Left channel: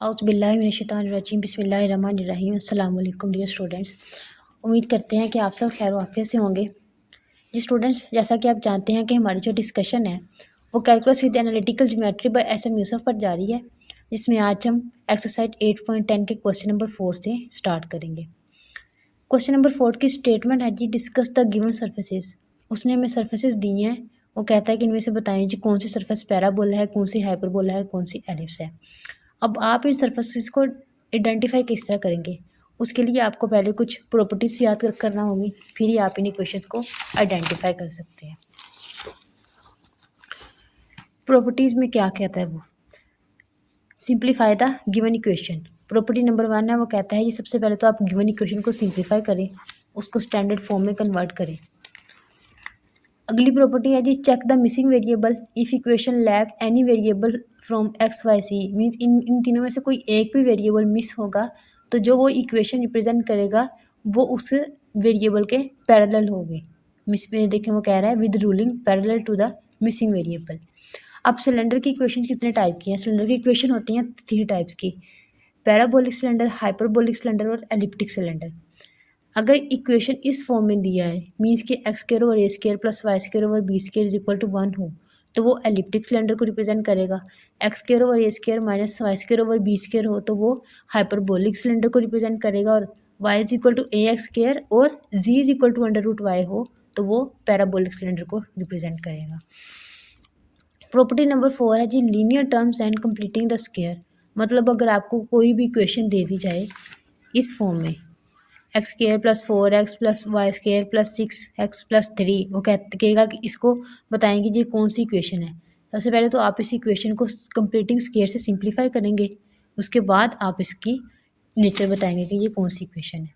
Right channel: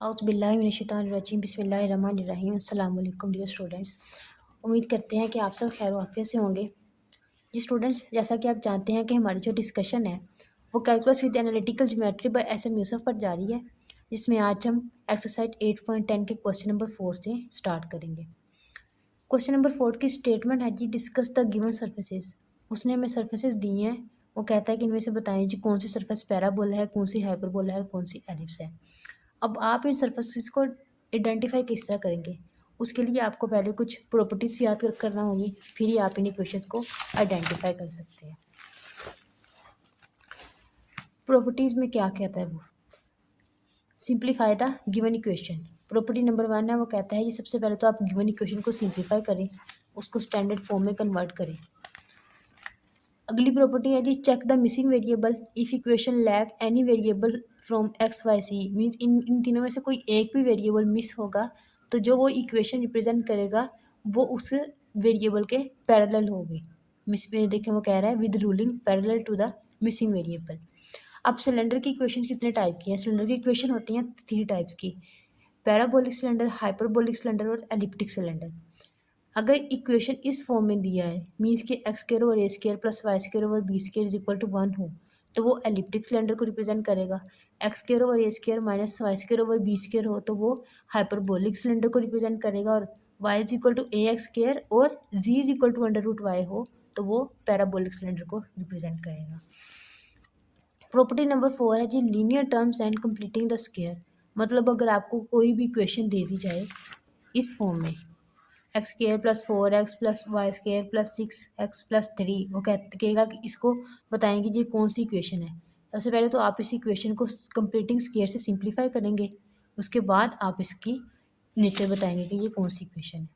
औज़ुबिल्लाहिमिनश्शैतानिर्रजीम बिस्मिल्लाहिर्रहमानिर्रहीम अस्सलाम वालेकुम डियर स्टूडेंट्स। उम्मीद करते हैं कि आप सब खैर वाफ़ियत से होंगे। जी स्टूडेंट्स, जैसा कि आप जानते हैं कि हमारी जो डिस्कशन है वो calculus with analytical geometry by S M Yusuf पर जारी है, जिसमें आज हम एक्सरसाइज 8.10 के क्वेश्चन नंबर 4 से स्टार्ट करेंगे। क्वेश्चन नंबर 4 की स्टेटमेंट है जी, डिस्कस द गिवन सर्फेसेस। उसने हमें सर्फेसेस दी हैं। वो कहता है कि इनमें से बताएं जी कौन सी सर्फेस पैराबोला है, कौन सी हाइपरबोला है और कौन सी एलिप्स है। अब आप इन सर्फेसेस को आइडेंटिफाई किस तरह करेंगे, उसके लिए आपको पहले कुछ प्रॉपर्टीज याद करना होगी, फिर ही आप इन इक्वेशंस को आइडेंटिफाई कर सकते हैं। प्रॉपर्टीज में क्या कहता है वो, simplify the given equation. Property number 1 है, वो कहता है कि सबसे पहले तो आप गिवन इक्वेशन को सिंप्लीफाई करें, उसको स्टैंडर्ड फॉर्म में कन्वर्ट करें। अगली प्रॉपर्टी है जी, check the missing variable if equation lack any variable from X Y C. Means in तीनों में से कोई एक भी वेरिएबल मिस होगा तो जो वो इक्वेशन रिप्रेजेंट करेगा वो उस वेरिएबल के पैरेलल होगी। मिस में देखें वो कह रहा है with ruling parallel to the missing variable. अब सिलेंडर की इक्वेशन कितने टाइप की हैं? सिलेंडर की इक्वेशन होती हैं 3 टाइप्स की, पैराबोलिक सिलेंडर, हाइपरबोलिक सिलेंडर और एलिप्टिक सिलेंडर। अगर इक्वेशन इस फॉर्म में दिया है, मीन्स कि X square over A square plus Y square over B square is equal to 1 हो, तो वो एलिप्टिक सिलेंडर को रिप्रेजेंट करेगा। X square over A square minus Y square over B square हो तो वो हाइपरबोलिक सिलेंडर को रिप्रेजेंट करेगा। और Y is equal to A x square और Z is equal to under root Y हो तो वो पैराबोलिक सिलेंडर को रिप्रेजेंट करेगा। प्रॉपर्टी नंबर 4 है जी, linear terms and completing the square. मतलब अगर आपको कोई भी इक्वेशन दे दी जाए इस फॉर्म में, x square plus 4x plus y square plus 6x plus 3, वो कहेगा कि इसको बताएंगे जी कौन सी इक्वेशन है। सबसे पहले तो आप इस इक्वेशन को कंप्लीटिंग स्क्वायर से सिंप्लीफाई करेंगे, उसके बाद आप इसकी नेचर बताएंगे कि ये कौन सी इक्वेशन है।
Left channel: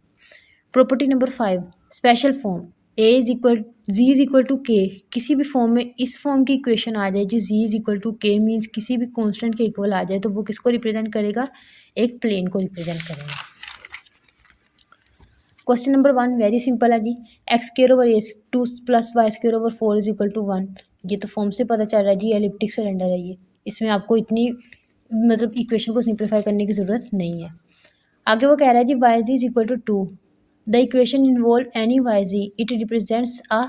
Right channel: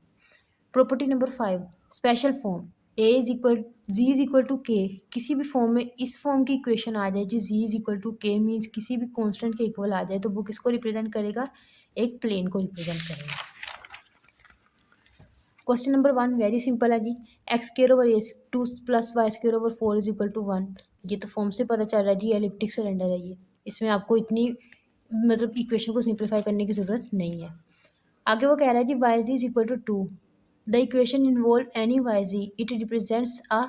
Property number 5, special form z is equal to K. किसी भी फॉर्म में इस फॉर्म की इक्वेशन आ जाए जी, जी इज इक्वल टू के मीन्स किसी भी कॉन्स्टेंट के इक्वल आ जाए तो वो किसको रिप्रेजेंट करेगा? एक प्लेन को रिप्रेजेंट करेगा। क्वेश्चन नंबर 1 वेरी सिंपल है जी, X square over A 2 plus Y square over 4 is equal to 1। ये तो फॉर्म से पता चल रहा है जी एलिप्टिक सिलेंडर है ये, इसमें आपको इतनी मतलब इक्वेशन को सिंप्लीफाई करने की ज़रूरत नहीं है। आगे वो कह रहा है जी Y Z is equal to 2, the equation involve any Y Z it represents a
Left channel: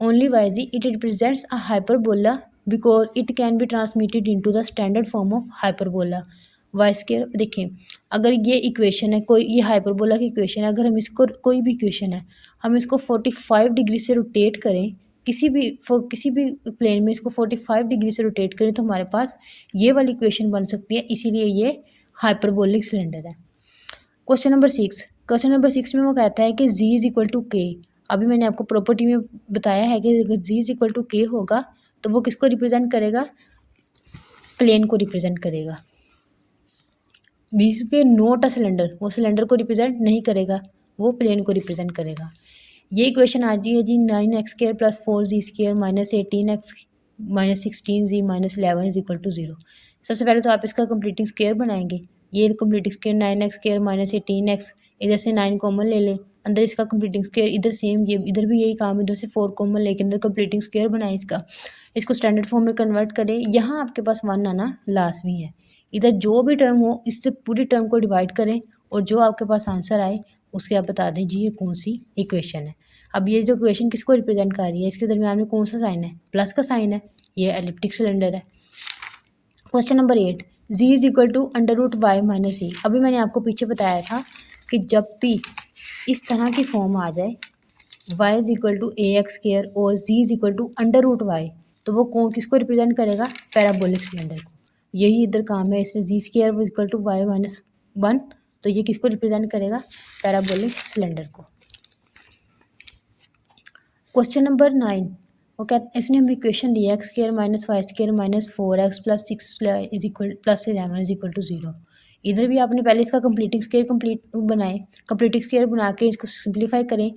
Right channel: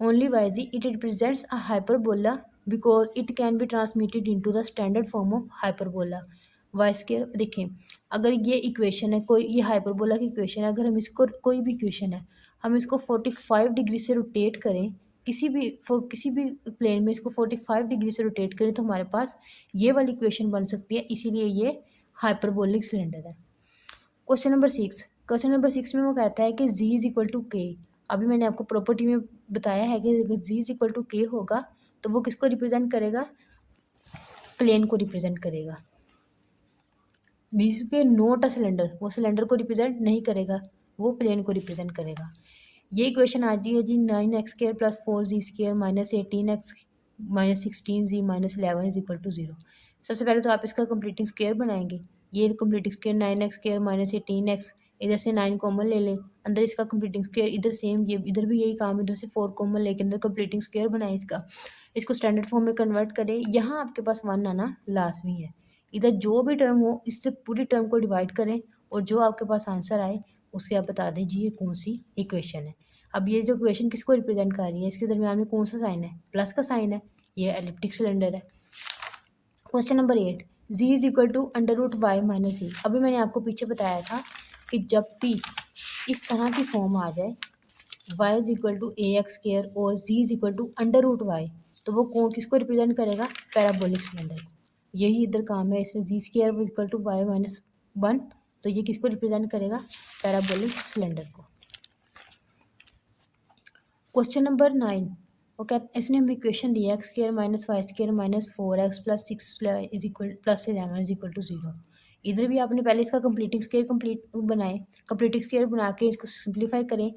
only Y Z it represents a hyperbola because it can be transmitted into the standard form of hyperbola. Y square देखें, अगर ये equation है कोई, ये hyperbola की equation है, अगर हम इसको कोई भी इक्वेशन है हम इसको 45 डिग्री से रोटेट करें, किसी भी प्लेन में इसको 45 डिग्री से रोटेट करें तो हमारे पास ये वाली इक्वेशन बन सकती है, इसीलिए ये हाइपरबोलिक सिलेंडर है। क्वेश्चन नंबर 6 में वो कहता है कि जी इज इक्वल टू के। अभी मैंने आपको प्रॉपर्टी में बताया है कि अगर जी इज इक्वल टू के होगा तो वो किसको रिप्रेजेंट करेगा? प्लेन को रिप्रेजेंट करेगा। बीच पे नोट अ सिलेंडर, वो सिलेंडर को रिप्रेजेंट नहीं करेगा, वो प्लेन को रिप्रेजेंट करेगा। ये इक्वेशन आ रही है z 9x² plus 4z² minus 18x minus 16z minus 11 is equal to 0। सबसे पहले तो आप इसका कंप्लीटिंग स्क्वायर बनाएंगे। ये completing square 9x² minus 18x, इधर से 9 कॉमन ले लें, अंदर इसका कंप्लीटिंग स्क्वायर, इधर सेम ये इधर भी यही काम, इधर से 4 कॉमन लेके अंदर कंप्लीटिंग स्क्वायर बनाए इसका, इसको स्टैंडर्ड फॉर्म में कन्वर्ट करें। यहाँ आपके पास 1 आना लाजमी है। इधर जो भी टर्म हो इससे पूरी टर्म को डिवाइड करें और जो आपके पास आंसर आए उसके आप बता दें जी ये कौन सी इक्वेशन है। अब ये जो इक्वेशन किसको रिप्रेजेंट कर रही है, इसके दरमियान में कौन सा साइन है? प्लस का साइन है, ये एलिप्टिक सिलेंडर है। Question number 8, Z is equal to under root Y minus C. अभी मैंने आपको पीछे बताया था कि जब भी इस तरह की फॉर्म आ जाए y is equal to A x square और z is equal to under root y तो वो कौन किसको रिप्रेजेंट करेगा? पैराबोलिक सिलेंडर को। यही इधर काम है, इसमें Z square equal to Y minus 1 तो ये किसको रिप्रेजेंट करेगा? पैराबोलिक सिलेंडर को। क्वेश्चन नंबर 9, वो क्या, इसने हमें इक्वेशन दिया X square minus Y square minus 4x plus 6 is equal plus 11 is equal to 0। इधर भी आपने पहले इसका कंप्लीटिंग स्क्वायर बनाए, कंप्लीटिंग स्क्वायर बना के इसको सिंप्लीफाई करें,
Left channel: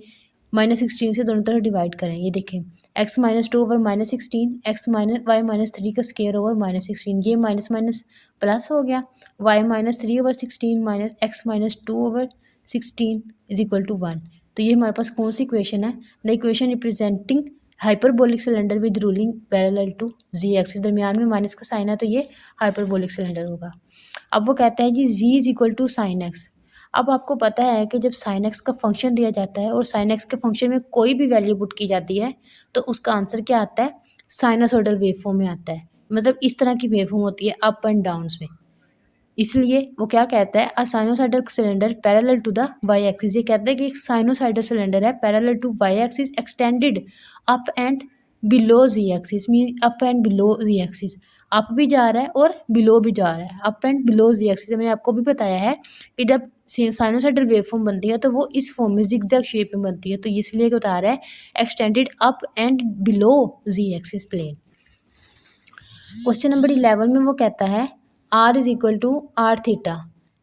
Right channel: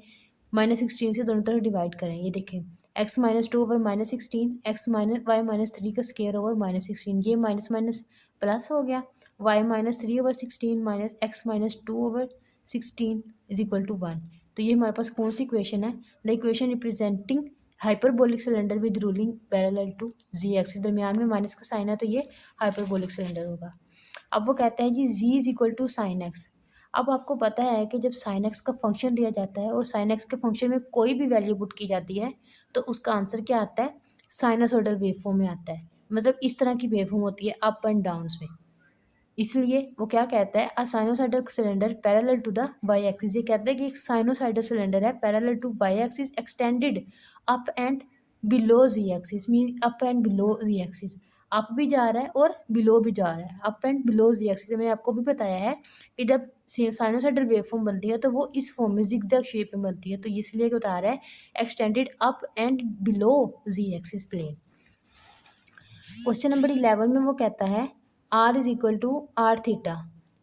-16 से दोनों तरफ डिवाइड करें। ये देखें x minus 2 over -16, x minus y minus 3 का स्क्वायर ओवर -16, ये माइनस माइनस प्लस हो गया, y minus 3 over 16 minus x minus 2 over 16 is equal to 1। तो ये हमारे पास कौन सी इक्वेशन है? The equation representing hyperbolic cylinder with ruling parallel to z axis, दरमियान में माइनस का साइन है तो ये हाइपरबोलिक सिलेंडर होगा। अब वो कहता है जी Z is equal to sine X. अब आपको पता है कि जब साइन एक्स का फंक्शन दिया जाता है और साइन एक्स के फंक्शन में कोई भी वैल्यू पुट की जाती है तो उसका आंसर क्या आता है, साइनसोइडल वेव फॉर्म में आता है। मतलब इस तरह की वेव फॉर्म होती है अप एंड डाउन्स में। इसलिए वो क्या कहता है, a sinusoidal cylinder parallel to the Y axis. ये कहता है कि एक साइनोसाइडल सिलेंडर है parallel to Y axis extended up and below ji axis. Mean up and below ji axis, up भी जा रहा है और बिलो भी जा रहा है, up and below ji axis. मैंने आपको भी बताया है कि जब साइनोसाइडल वेव फॉर्म बनती है तो वो इस फॉर्म में जिगजैग शेप में बनती है, तो इसलिए बता रहा है extended up and below ji axis plane. Question number 11 में वो कहता है r is equal to r theta,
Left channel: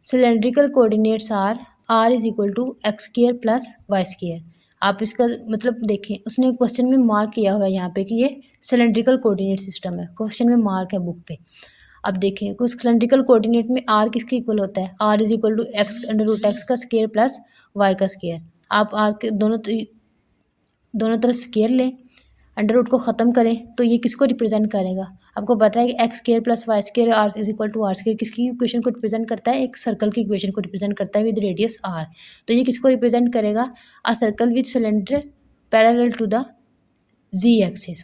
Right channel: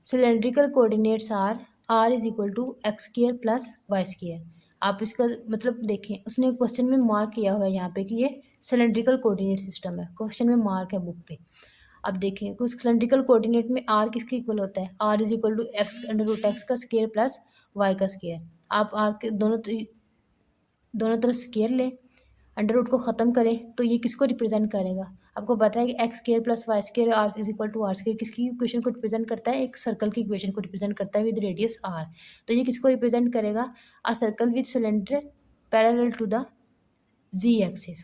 cylindrical coordinates r is equal to x square plus y square. आप इसका मतलब देखें, उसने क्वेश्चन में मार्क किया हुआ है यहाँ पे कि ये सिलेंड्रिकल कोऑर्डिनेट सिस्टम है, क्वेश्चन में मार्क है बुक पे। अब देखें कुछ सिलेंड्रिकल कोऑर्डिनेट में आर किसके इक्वल होता है, r is equal to x under root x का स्क्र प्लस वाई का स्क्र। आप आर के दोनों तरफ स्क्र लें, अंडर रूट को ख़त्म करें तो ये किसको रिप्रेजेंट करेगा, आपको पता है कि x square plus y square r is equal to r square किसकी इक्वेशन को रिप्रेजेंट करता है, एक सर्कल की इक्वेशन को रिप्रेजेंट करता है विद रेडियस आर। तो ये किसको रिप्रेजेंट करेगा, a circle with cylinder parallel to the z axis.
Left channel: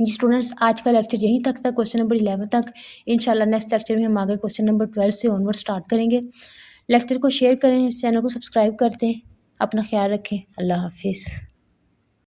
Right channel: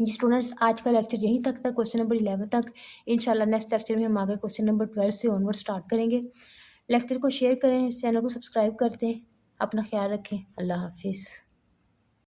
जी स्टूडेंट्स, आज का लेक्चर यहीं तक था, क्वेश्चन नंबर 11 तक। इंशाल्लाह नेक्स्ट लेक्चर में हम आगे क्वेश्चन नंबर 12 से ऑनवर्ड स्टार्ट करेंगे। लेक्चर को शेयर करें, इस चैनल को सब्सक्राइब करते हैं। अपना ख्याल रखें, अल्लाह हाफिज़।